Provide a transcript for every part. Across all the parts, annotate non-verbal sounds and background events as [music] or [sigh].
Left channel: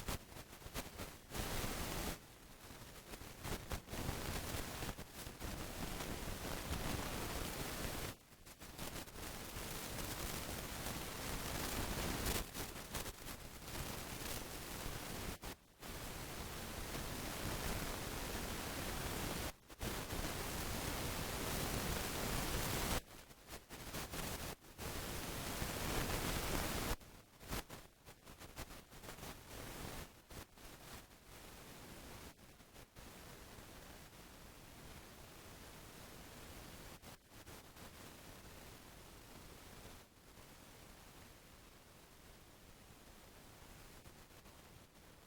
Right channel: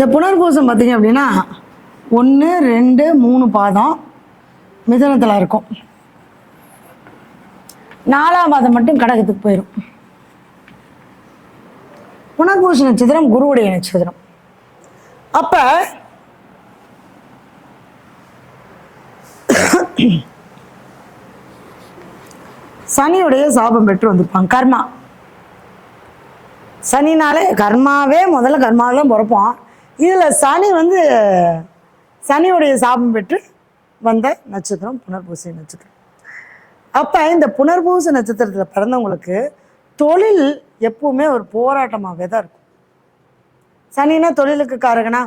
இந்த புனர்பூசம் பார்த்தீங்க அப்படின்னா ஒன்று ரெண்டு மூணு பாதம் மிதனத்தில் இருக்கும். நாலாம் பாதம் மட்டும் கடகத்துக்கு போயிடும் புனர்பூச நட்சத்திரம் குருவுடைய நட்சத்திரம். அப்போ சனியுடைய சாபம் பெற்று வந்திருப்பாங்க கர்மா. சனினாலே கர்மாவே முதல்ல கர்மாவில் பிறப்பான். பிறப்போம் இதில் சனி வந்து சனியுடைய சாபம் பெற்று வந்த நட்சத்திரம் புனர்பூசை நட்சத்திரம். அப்போ இந்த புனர்பூச நட்சத்திரத்தில் பிறந்தவங்களுக்கு தொழில் எப்பவுமே ஒரு போராட்டமாகவே தான் இருக்கும். சனினா தொழிலுக்கு காரகனா?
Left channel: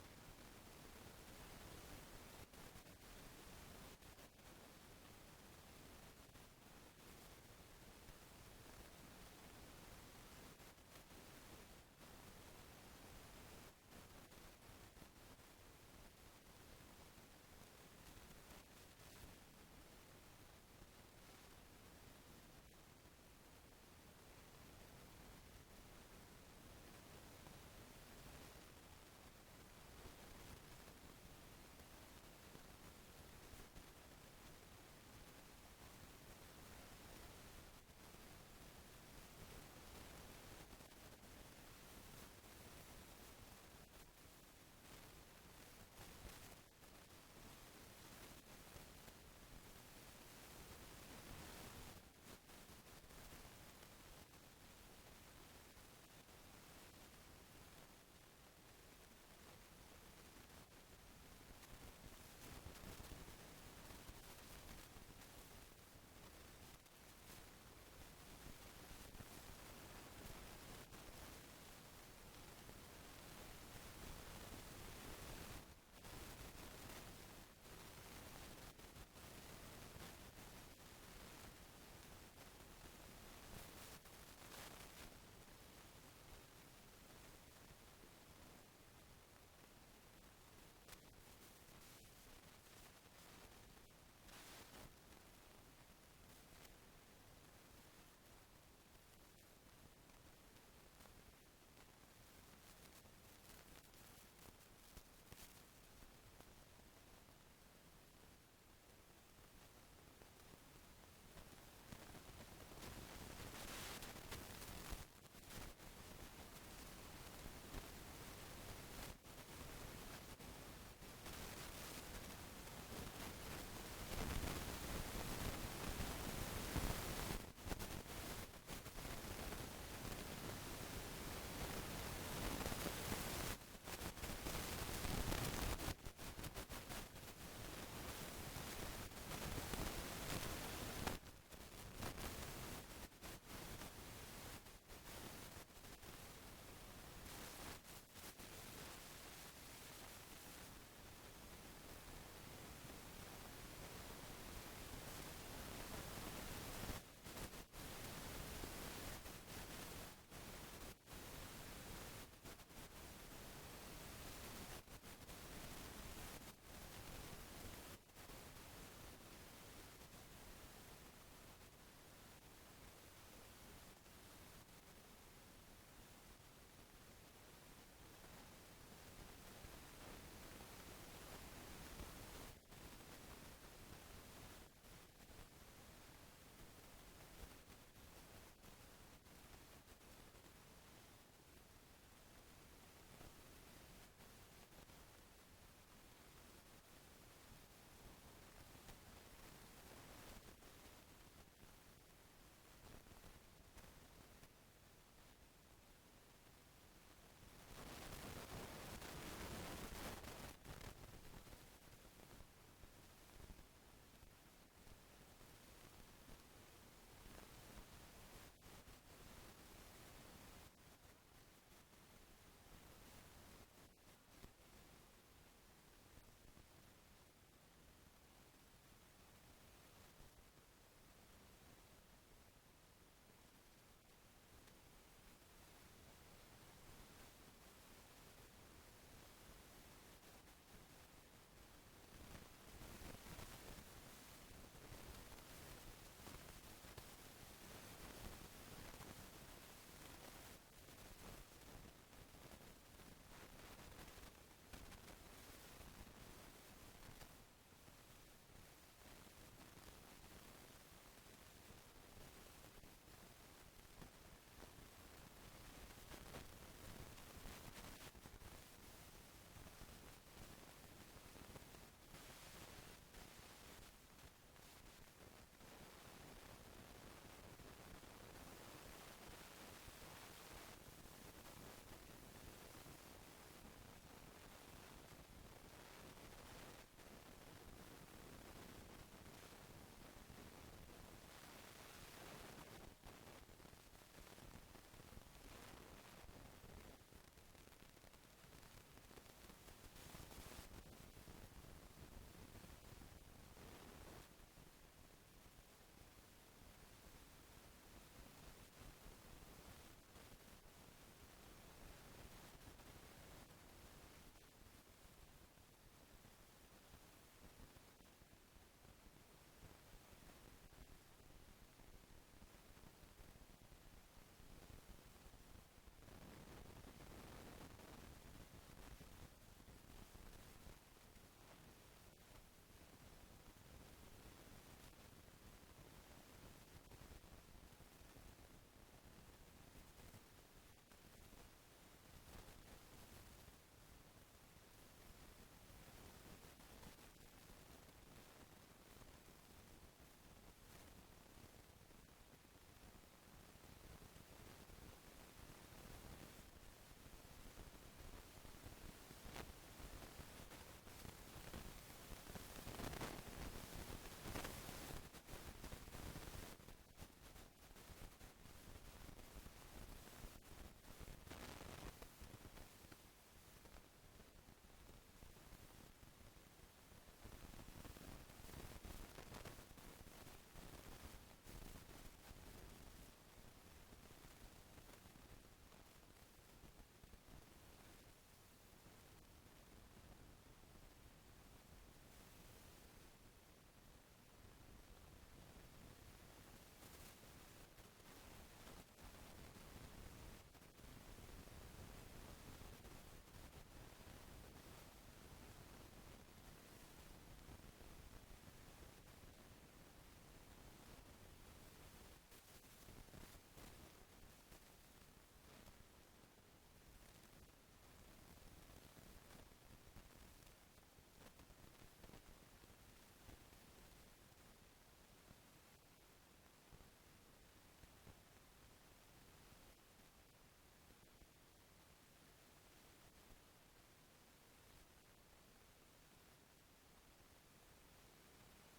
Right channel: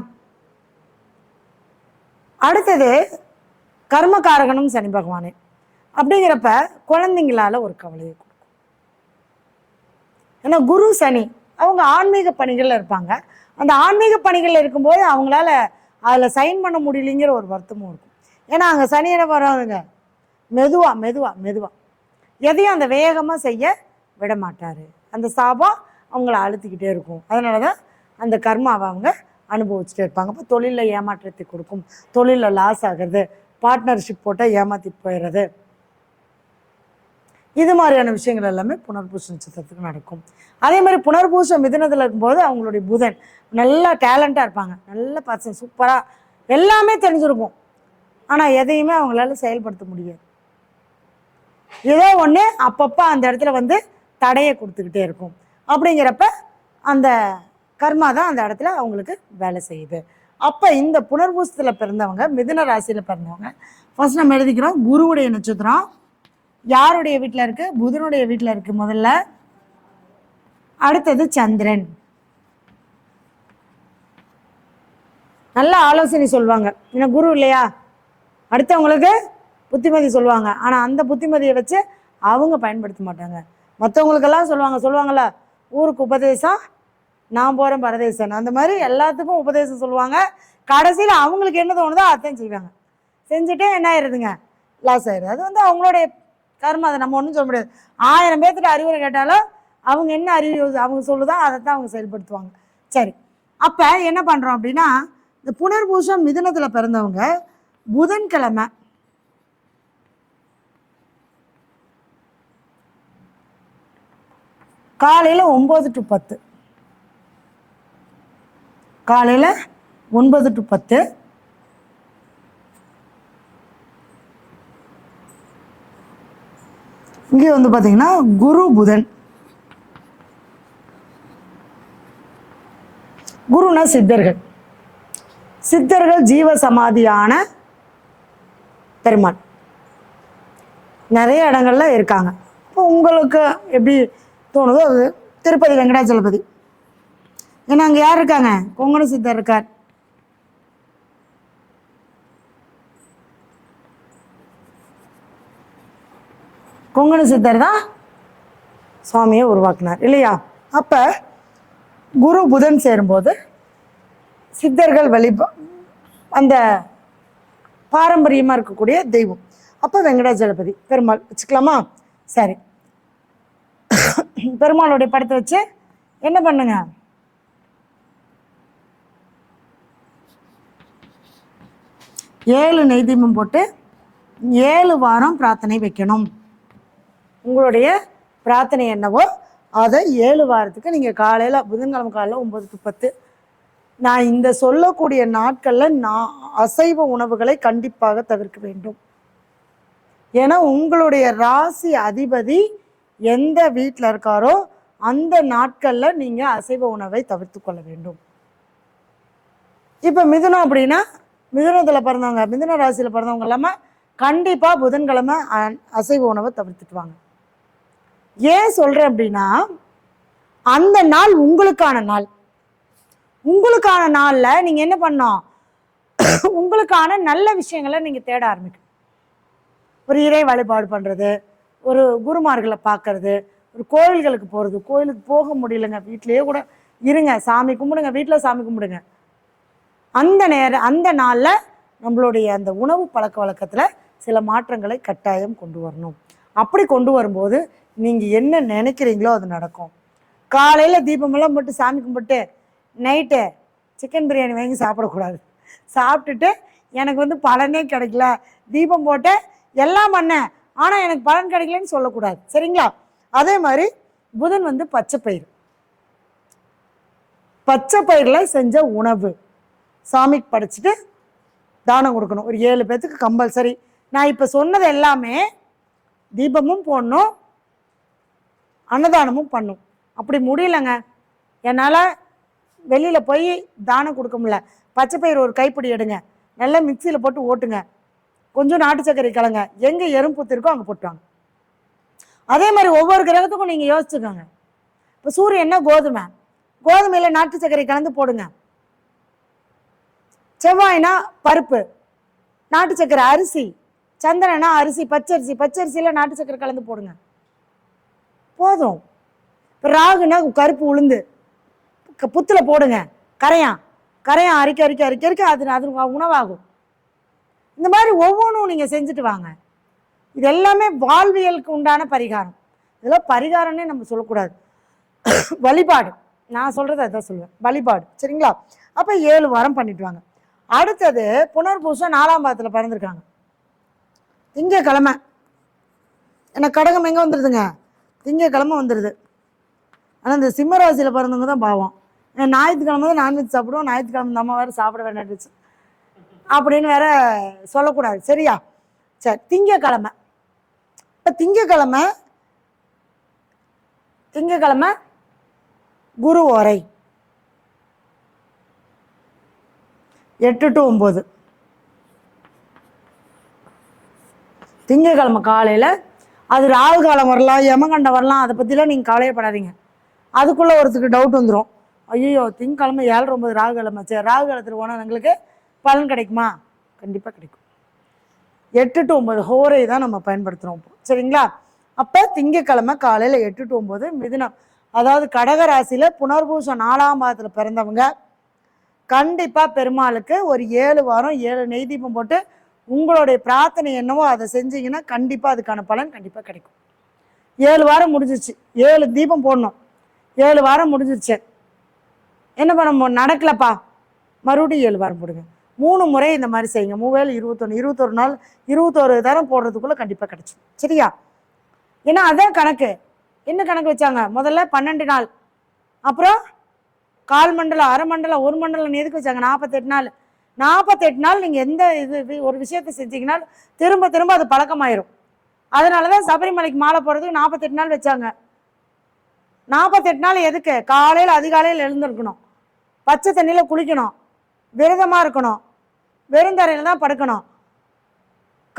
அடுத்தது கர்மகாரகனும் சனி பகவானே. அப்படிங்கிறப்ப குழந்தைங்களால ஒரு கவலையை கொடுக்கும். ஏன்னா குரு சனி அவங்க ஆன்மீக பணிகளில் இருப்பாங்க. அந்த ஆன்மீக பணிகளில் இருக்கும்போது அவங்களால அதில் சைன் பண்ண முடியலைங்கிற ஒரு வருத்தமும் இருக்கும். ஏன்னா அங்கே சனியனை வராதுங்க மெதுவாக மெதுவாக மெதுவாக எதையும் அந்த வேகமாக செய்ய விட மாட்டார். அந்த சாபம் அவங்கள அழுத்திக்கிட்டே இருக்கும். அதனால தான் அந்த கர்மாவை அவங்க அனுபவிச்சுட்டே இருப்பாங்க. அப்போ தொழிலில் ஏமாற்றத்தை கொடுக்கும். தொழிலில் லாஸ் ஆகிறது. பார்ட்னர்ஷிப் போட்டால் ஏமாற்றி போயிடுறது இது மாதிரியான விஷயங்கள் எல்லாமே புனர்பூச நட்சத்திரத்துக்கு நடக்கும். அதே மாதிரி புனர்பூசம் மிதுனத்தில் இருக்கும்போது அவங்களுடைய புதன் நல்லா டேலண்ட்டாக இருப்பாங்க. நல்ல பர்சன் சூப்பராக எல்லாமே தெரிஞ்சிருக்கும். ஆனால் எதையுமே அவங்களால செயல்படுத்த முடியாது. ஏதோ ஒன்று அப்பப்போ அந்த இடத்துல வந்து தடையை கொடுத்துக்கிட்டே இருக்கும். அப்படிங்கிறப்ப அந்த கர்மா தான் அந்த இடத்துல அவங்களுக்கு வேலை செய்யுது. அப்போ இந்த புனர்பூசத்தில் பிறந்தவங்க மிதுன ராசியில் பிறந்தவங்க ஃபர்ஸ்ட் நம்ம எழுதிக்கிறோம் குருவுடைய நட்சத்திரம். யாருடைய வீட்டில் இருக்குது புதனுடைய வீட்டில் இருக்குது முதல்ல. அடுத்தது சந்திரன். நல்ல ஆலோசனை சொல்லுவாங்க ஏன்னா குரு இல்லையா? அடுத்தவங்களுக்கு புத்திமதி சொல்லுவாங்க ஆனால் அந்த புத்திமதியை வச்சு அவங்க பயன்படுத்த மாட்டாங்க. மற்றவங்களுக்கெல்லாம் சொல்லுவாங்க சொல்லுவாங்கல்ல ஊருக்கு உபதேசம் நான் போகிறேன் பரதேசன் அந்த மாதிரி எல்லாத்துக்கும் உபதேசம் சொல்லுவாங்க. கடைசியில் அவங்களுக்கு என்ன தோணுதோ அதையும் செய்வாங்க. செஞ்சுட்டே என்ன ஆயிடுதுங்க லாஸ் ஆயிடுது அது வந்து அவங்களுடைய கர்மம் அதை நம்ம ஒன்றும் சொல்ல முடியாது. ஆயிரம் பேர்த்துக்கு அறிவுரை கேட்டாலும் அவங்க என்ன அறிவு அவங்க சொல்லுதோ அதை தான் அவங்க செயல்படுத்துவாங்க. சரி. அப்போ என்ன பண்ணுறோம் அப்படின்னா இந்த புனர்பூசம் மிதுனத்தில் பிறந்தவங்க புதன்கிழமை. காலையில் ஒம்பது டு பத்து. காலையில் ஒன்பது டு பத்து. இங்கே வந்து பார்த்தீங்கன்னா குரு புதன். குருனா சித்தர்கள். சித்தர்கள் ஜீவ சமாதியான பெருமாள். நிறைய இடங்கள்ல இருக்காங்க. இப்போ உங்களுக்கு எப்படி தோணுதோ அது திருப்பதி வெங்கடாச்சலபதி ஏன்னா அங்கே யார் இருக்காங்க? கொங்கண சித்தர் இருக்கார். கொங்கண சித்தர் தான் சுவாமியை உருவாக்குனார் இல்லையா? அப்போ குரு புதன் சேரும்போது சித்தர்கள் வழிபா அந்த பாரம்பரியமாக இருக்கக்கூடிய தெய்வம். அப்போ வெங்கடாஜலபதி பெருமாள் வச்சுக்கலாமா? சரி. பெருமாளுடைய படத்தை வச்சு என்ன பண்ணுங்க? ஏழு நெய் தீபம் போட்டு ஏழு வாரம் பிரார்த்தனை வைக்கணும். உங்களுடைய பிரார்த்தனை என்னவோ அதை ஏழு வாரத்துக்கு நீங்கள் காலையில் புதன்கிழமை காலையில் ஒம்பது டு பத்து நான் இந்த சொல்லக்கூடிய நாட்களில் நான் அசைவ உணவுகளை கண்டிப்பாக தவிர்க்க வேண்டும். ஏன்னா உங்களுடைய ராசி அதிபதி எந்த வீட்டில் இருக்காரோ அந்த நாட்களில் நீங்கள் அசைவ உணவை தவிர்த்து கொள்ள வேண்டும். இப்போ மிதுனம் அப்படின்னா மிதுனத்தில் பிறந்தவங்க மிதுன ராசியில் பிறந்தவங்க இல்லாமல் கண்டிப்பாக புதன்கிழமை அ- அசைவ உணவை தவிர்த்துக்குவாங்க. ஏன் சொல்கிறேன் அப்படின்னா அந்த நாள் உங்களுக்கான நாள். உங்களுக்கான நாளில் நீங்கள் என்ன பண்ணோம் உங்களுக்கான நல்ல விஷயங்களை நீங்கள் தேட ஆரம்பிக்கணும். ஒரு இறை வழிபாடு பண்ணுறது ஒரு குருமார்களை பார்க்கறது ஒரு கோயில்களுக்கு போகிறது கோயிலுக்கு போக முடியலங்க. வீட்டிலேயே கூட இருங்க. சாமி கும்பிடுங்க. வீட்டில் சாமி கும்பிடுங்க. அந்த நேரம் அந்த நாளில் நம்மளுடைய அந்த உணவு பழக்க வழக்கத்தில் சில மாற்றங்களை கட்டாயம் கொண்டு வரணும். அப்படி கொண்டு வரும்போது நீங்கள் என்ன நினைக்கிறீங்களோ அது நடக்கும். காலையில் தீபமெல்லாம் போட்டு சாமி கும்பிட்டு நைட்டு சிக்கன் பிரியாணி வாங்கி சாப்பிடக்கூடாது. சாப்பிட்டுட்டு எனக்கு வந்து பலனே கிடைக்கல. தீபம் போட்டு எல்லாம் பண்ணேன். ஆனால் எனக்கு பலன் கிடைக்கலன்னு சொல்லக்கூடாது. சரிங்களா? அதே மாதிரி புதன் வந்து பச்சை பயிர் பச்சை பயிரில் செஞ்ச உணவு. சாமிக்கு படைச்சிட்டு தானம் கொடுக்கணும். ஒரு ஏழு பேர்த்துக்கு கம்பல்சரி. நான் இப்போ சொன்னது எல்லாமே தீபமும் போடணும் அன்னதானமும் பண்ணும். அப்படி முடியலங்க. என்னால் வெளியில் போய் தானம் கொடுக்க முடியல. பச்சை பயிர் ஒரு கைப்பிடி எடுங்க. நல்லா மிக்சியில் போட்டு ஓட்டுங்க. கொஞ்சம் நாட்டு சர்க்கரை கலங்க. எங்கே எறும்புத்து இருக்கோ அங்கே போட்டுவாங்க. அதே மாதிரி ஒவ்வொரு கிரகத்துக்கும் நீங்கள் யோசிச்சுக்கோங்க. இப்போ சூரியன்னா கோதுமை? கோதுமையில் நாட்டு சர்க்கரை கலந்து போடுங்க. செவ்வாய்னா பருப்பு நாட்டு சர்க்கரை அரிசி சந்திரனா அரிசி பச்சரிசி பச்சரிசியில் நாட்டு சர்க்கரை கலந்து போடுங்க. போதும். இப்போ ராகுனா கருப்பு உளுந்து. புத்தில் போடுங்க. கரையான். கரையான் அரிக்க அரிக்க அரிக்க அரிக்க அது அது உணவாகும். இந்த மாதிரி ஒவ்வொன்றும் நீங்கள் செஞ்சுட்டு வாங்க. இது எல்லாமே வாழ்வியலுக்கு உண்டான பரிகாரம். இதெல்லாம் பரிகாரம்னே நம்ம சொல்லக்கூடாது. [coughs] வழிபாடு. நான் சொல்கிறத அதான் சொல்லுவேன். வழிபாடு. சரிங்களா? அப்போ ஏழு வாரம் பண்ணிட்டு வாங்க. அடுத்தது புனர்பூசம் நாலாம் பாதத்தில் பிறந்திருக்காங்க. திங்கக்கிழமை. எனக்கு கடகம் எங்கே வந்துடுதுங்க திங்கக்கிழமை வந்துடுது ஆனால் இந்த சிம்ம ராசியில் பிறந்தவங்க தான் பாவம். ஞாயிற்றுக்கிழமை தான் நான்வெஜ் சாப்பிடுவோம் ஞாயிற்றுக்கிழமை இந்த அம்மா வேறு சாப்பிட வேண்டாம் அப்படின்னு வேற சொல்லக்கூடாது. சரியா? சரி திங்கக்கிழமை. இப்போ திங்கக்கிழமை திங்கக்கிழமை குரு ஓரை. எட்டு டு ஒம்பது திங்கக்கிழமை காலையில் அது ராகு காலம் வரலாம் யமகண்டம் வரலாம் அதை பற்றிலாம் நீங்கள் கவலையப்படாதீங்க. அதுக்குள்ளே ஒருத்தருக்கு டவுட் வந்துடும் ஐயோ திங்கக்கிழமை ஏழரை ஒம்பது ராகு கிழமை சரி ராகு காலத்தில் போனால் எங்களுக்கு பலன் கிடைக்குமா? கண்டிப்பாக கிடைக்கும். எட்டு டு ஒம்பது ஹோரை தான் நம்ம பயன்படுத்துகிறோம் சரிங்களா? அப்போ திங்கக்கிழமை காலையில் எட்டு டு ஒம்பது மிதுனம். அதாவது கடகராசியில் புனர்பூசம் நாலாம் பாதத்தில் பிறந்தவங்க கண்டிப்பாக பெருமாளுக்கு ஒரு ஏழு வாரம் ஏழு நெய் தீபம் போட்டு உங்களுடைய பிரார்த்தனை என்னவோ அதை செஞ்சீங்கன்னா கண்டிப்பாக அதுக்கான பலன் கண்டிப்பாக கிடைக்கும். ஏழு வாரம் முடிஞ்சிச்சு ஏழு தீபம் போடணும். ஏழு வாரம் முடிஞ்சிருச்சு. என்ன பண்ண நடக்கலப்பா. மறுபடியும் ஏழு வாரம் போடுங்க. மூணு முறை இந்த மாதிரி செய்யுங்க. மூவேல் இருபத்தொன்று இருபத்தொரு நாள் இருபத்தொரு தரம் போடுறதுக்குள்ளே கண்டிப்பாக கிடச்சி சரியா? ஏன்னா அதான் கணக்கு. என்ன கணக்கு வச்சாங்க? முதல்ல பன்னெண்டு நாள். அப்புறம் கால் மண்டலம் அரை மண்டலம் ஒரு மண்டலம் எதுக்கு வச்சாங்க? நாற்பத்தெட்டு நாள். நாற்பத்தெட்டு நாள் நீங்கள் எந்த இது ஒரு விஷயத்தை செஞ்சீங்கன்னா திரும்ப திரும்ப அது பழக்கமாயிரும். அதனால தான் சபரிமலைக்கு மாலை போடுறதுக்கு நாற்பத்தெட்டு நாள் வச்சாங்க. நாற்பத்தெட்டு நாள் எதுக்கு? காலையில் அதிகாலையில் எழுந்திருக்கணும். பச்சை தண்ணியில் குளிக்கணும். விரதமாக இருக்கணும். வெறுந்தரையில் தான் படுக்கணும்.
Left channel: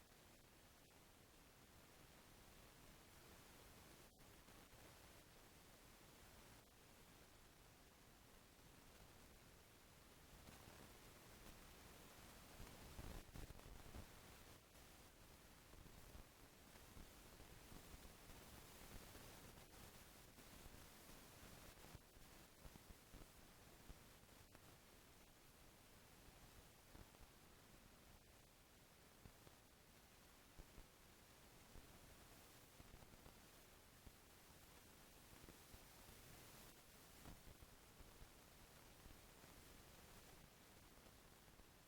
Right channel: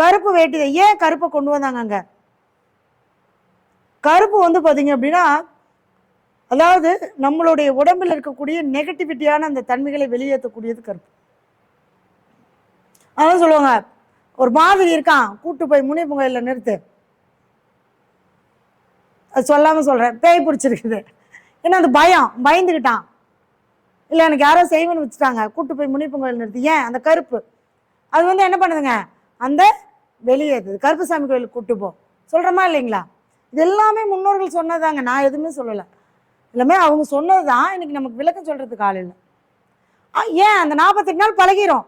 கருப்பு வேட்டி ஏன் கருப்பை கொண்டு வந்தாங்க அங்கே? கருப்பு வந்து பார்த்தீங்க அப்படின்னா அதாவது நம்மளுடைய உடம்பில் இருக்கக்கூடிய நெகட்டிவிட்டியான அந்த தன்மைகளை வெளியேற்றக்கூடியது கருப்பு. அதான் சொல்லுவாங்க ஒரு மாதிரி இருக்கான் கூட்டு போய் முனிப்புங்கையில் நிறுத்து. அது சொல்லாமல் சொல்கிறேன் பேய் பிடிச்சிருக்குது. ஏன்னா அது பயம் பயந்துக்கிட்டான் இல்லை எனக்கு யாரோ செய்வன்னு வச்சுட்டாங்க. கூட்டு போய் முனிப்பு கோயில் நிறுத்தி. ஏன்? அந்த கருப்பு. அது வந்து என்ன பண்ணுதுங்க? அந்த வெளியேறுது கருப்புசாமி கோயிலுக்கு கூட்டு போ. சொல்கிறோமா இல்லைங்களா? இது எல்லாமே முன்னோர்கள் சொன்னதாங்க. நான் எதுவுமே சொல்லலை. எல்லாமே அவங்க சொன்னது தான் இன்னைக்கு நமக்கு விளக்கம் சொல்கிறதுக்கு ஆள் இல்லை. ஏன்? அந்த நாற்பத்தெட்டு நாள் பழகிரும்.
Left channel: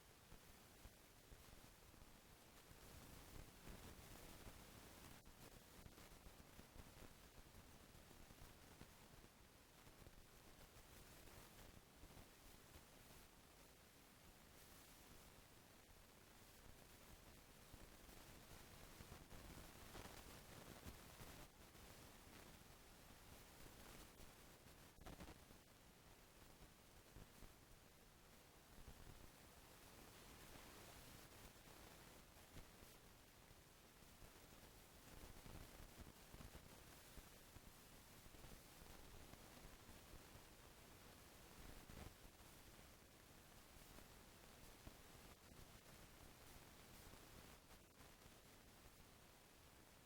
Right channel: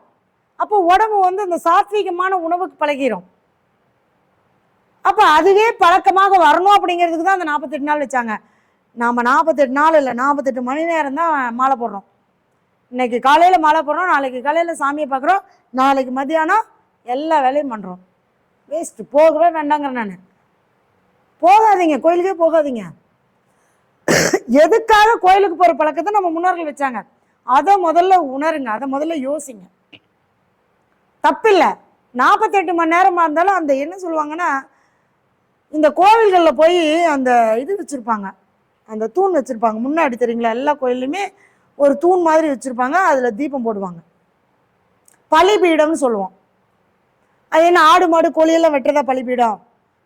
அப்போ உடம்பு வந்து இந்த சாத்வீகமான உணவுக்கு பழகிரும். அப்போ அதுவே பழக்கமாக வரணும் அப்படிங்கிறதுக்கு தான் அந்த நாற்பத்தெட்டு நாள் வச்சாங்க. நாம் நாற்பத்தெட்டு நாள் இல்லை நாற்பத்தெட்டு மணி நேரம் தான் மாலை போடுறோம். இன்னைக்கு காலையில் மாலை போடுறோம் நாளைக்கு காலையில் சாமியை பார்க்குறோம் நாளைக்கு மதியானம் எல்லா வேலையும் பண்ணுறோம் வேஸ்ட்டு போகவே வேண்டாங்கிறேன் நான். போகாதீங்க கோயிலுக்கே போகாதீங்க. எதுக்காக கோயிலுக்கு போகிற பழக்கத்தை நம்ம முன்னோர்கள் வச்சாங்க? அதை முதல்ல உணருங்க அதை முதல்ல யோசிங்க. தப்பில்லை. நாற்பத்தெட்டு மணி நேரமாக இருந்தாலும் அந்த என்ன சொல்லுவாங்கன்னா இந்த கோவில்களில் போய் அந்த இது வச்சுருப்பாங்க. அந்த தூண் வச்சுருப்பாங்க. முன்னாடி தெரியுங்களா எல்லா கோயில்லையுமே ஒரு தூண் மாதிரி வச்சுருப்பாங்க அதில் தீபம் போடுவாங்க. பலிபீடம்னு சொல்லுவோம். அது என்ன ஆடு மாடு கோழியெல்லாம் வெட்டுறதா பலிபீடம்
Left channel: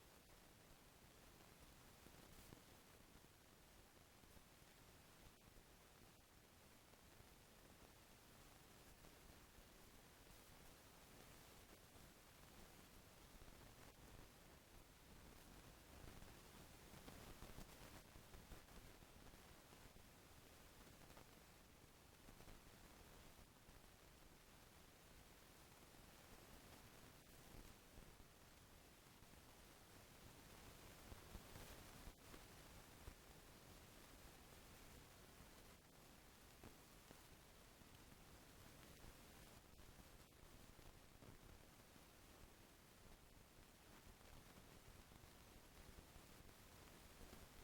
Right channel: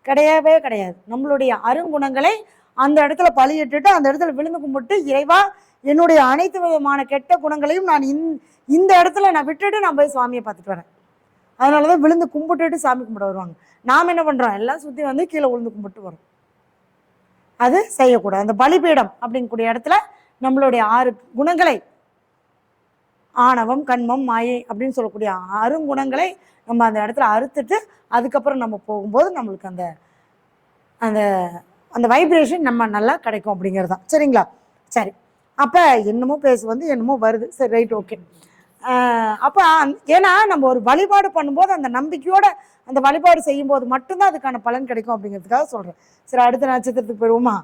கிடையவே கிடையாது. நம்மளுடைய அருங்குணங்களை அந்த இடத்துல பலியிட்டுட்டு அந்த இடத்துல விழுந்து கும்பிட்டு இறைவா என்னுடைய அனைத்து விதமான கெட்ட குணங்களையும் நான் இந் இந்த இடத்துல நான் விட்டுட்டு நான் போய் சுவாமியை பார்த்துட்டு வரேன். அதனால தான் விழுந்து கும்பிட்டுட்டு சாமி கும்பிட வருவாங்க. நாம் என்ன பண்ணுறோம் எல்லாம் சுற்றி வந்து கீழே விழுந்து கும்பிட்டு வரோம் அது செய்யக்கூடாது. அந்த பலிபீடம் அப்படிங்கக்கூடிய இடத்துல நம்மளுடைய ஆறு குணங்களை ஆணவம் கண்மம் மாயை அப்படின்னு சொல்லக்கூடிய அருங்குணங்களை நம்ம அந்த இடத்துல அறுத்துட்டு அதுக்கப்புறம் நம்ம போகும்போது நம்மளுக்கு அந்த அந்த அந்த வைப்ரேஷன் நம்ம நல்லா கிடைக்கும் அப்படிங்கிறது தான். சரிங்களா? சரி. அப்போ என்னமோ பேச வந்து என்னமோ வருது. சரி ரைட் ஓகே அப்போ ஏன்னா நம்ம ஒரு வழிபாடு பண்ணும்போது அந்த நம்பிக்கையோட அந்த வழிபாடு செய்யும்போது மட்டும்தான் அதுக்கான பலன் கிடைக்கும் அப்படிங்கிறதுக்காக சொல்கிறேன் சரி அடுத்த நட்சத்திரத்துக்கு போயிடுவோமா?